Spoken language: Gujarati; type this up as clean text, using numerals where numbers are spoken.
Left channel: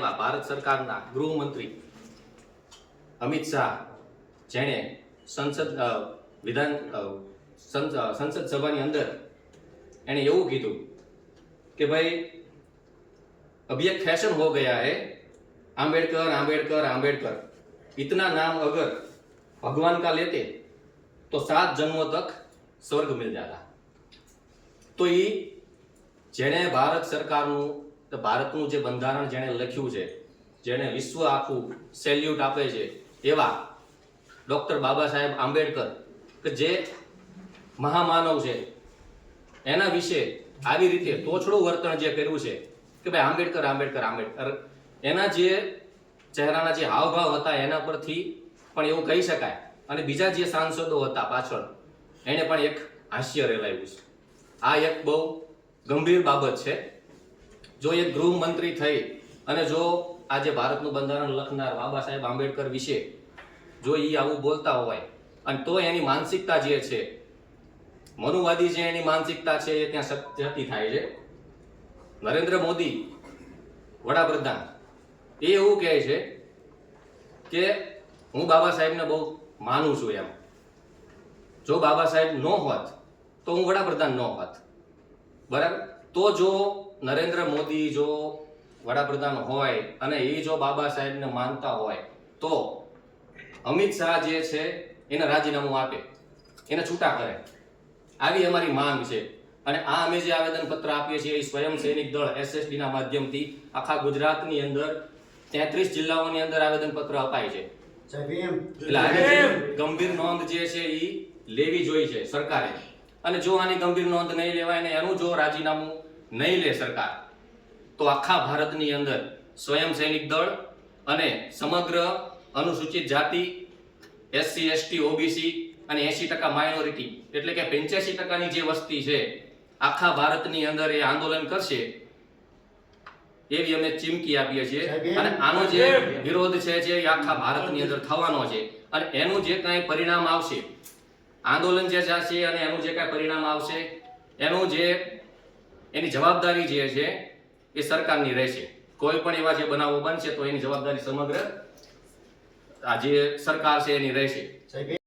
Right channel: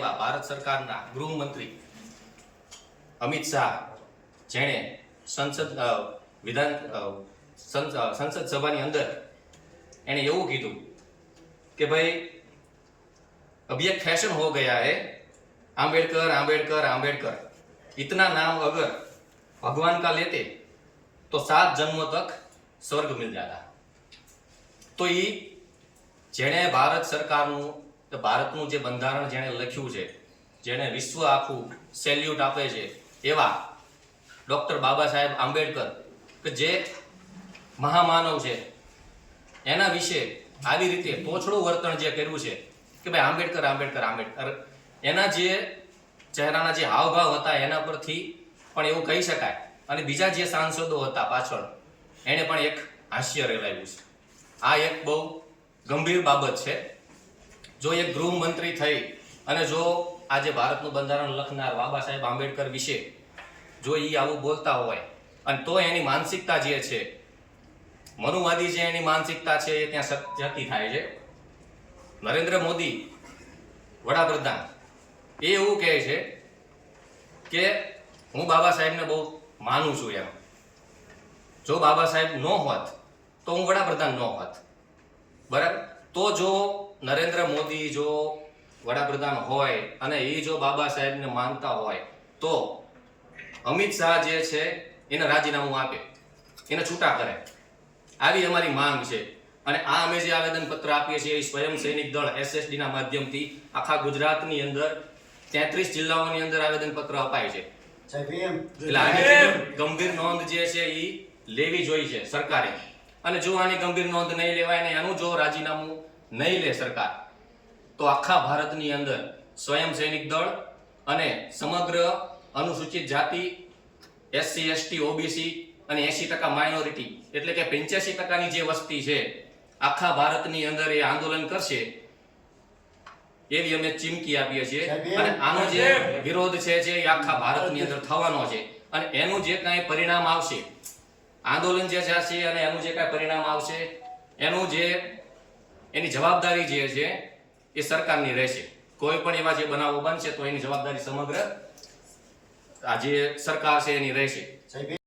ભારત સરકારના ગૃહમંત્રી અમિત શાહ જેણે સંસદ સભાની અંદર એને એવું કીધું કે ભાઈ अभी एक फैशन हो गया है आंबेडकर आंबेडकर आंबेडकर इतना नाम अगर भगवान का लेते तो 7 जन्मों तक स्वर्ग मिल जाता। तो ये जेने भारत सरकारનું ભારતનું જે બંધારણ જેણે લખ્યું છે, જેને વિશ્વ આખું સેલ્યુટ આપે છે એવા ડોક્ટર બાબા સાહેબ આંબેડકર કે જે મહામાનવ છે, એના વિશે આવી રીતે તોછડું વર્તન જે કર્યું છે કે ભાઈ આંબેડકર આંબેડકર આંબેડકર, એના જે ચહેરાના જે હાવભાવ હતા એના પરથી પણ એવું કહી શકાય અને બીજા જે સાંસદો હતા પાછળ એને પણ એક હાસ્ય રેલાયું છે। આ એક બહુ ગંભીર બાબત છે। જો એક ગૃહમંત્રી થઈ અને જો આજે ભારતનું બંધારણ લખનાર બાબા સાહેબ આંબેડકર વિશે જો એ આવું બોલતા હોય અને તો એની માનસિકતા જે છે, મનુવાદી જે એની માનસિકતા છે એ ત્યાં જતી થાય છે। નરેન્દ્ર મોદી વડાપ્રધાન એ એવું કહે છે કે હું બાબા સાહેબને બહુ માનું છું એમ, જો બાબા સાહેબ ન હોત તો હું વડાપ્રધાન ન હોત, બરાબર। તો જો નરેન્દ્ર મોદી જો વડાપ્રધાન હોય અને એ જો બાબા સાહેબને માનતા હોય તો અમિત શાહ જે છે એને રાજીનામું આપે, એને છૂટા કરે, આવી અમારી માંગ છે। અને આ અમે જે આવેદન પત્ર આપીએ છીએ એ સ્વયં સૈનિક દળ SSD ના માધ્યમથી આખા ગુજરાતની અંદર 33 જિલ્લાઓની અંદર આવેદન પત્ર અપાય છે। એટલે આની ગંભીર નોંધ જે છે એ લેવી જોઈએ છે સરકારે, અને જો આની ગંભીર નોંધ નહીં લેવાય ને એનું જો રાજીનામું નહીં લે સરકાર તો આખા ભારતની અંદર સ્વયં સૈનિક દળ અને સમગ્ર અનુસૂચિત જાતિ, SC ST OBC અને 80% માઇનોરિટી એટલે કે 85% જે વસ્તી છે આખા ભારતની અંદર એ આંદોલન કરશે એવી અમે ચીમકી આપીએ છીએ। અને આનો જે વિરોધ છે જે આખા ભારતની અંદર થવાનો છે અને એનું જે કાંઈ પરિણામ આવશે, આંદોલન જે છે અને એનું જે કાંઈ પરિણામ આવશે એનું જે એની જવાબદારી જે છે એ સરકારની રહેશે। કોઈ પણ એવા જે બનાવો બનશે તો એની જવાબદારી સમગ્ર આ જે સરકાર છે એની રહેશે।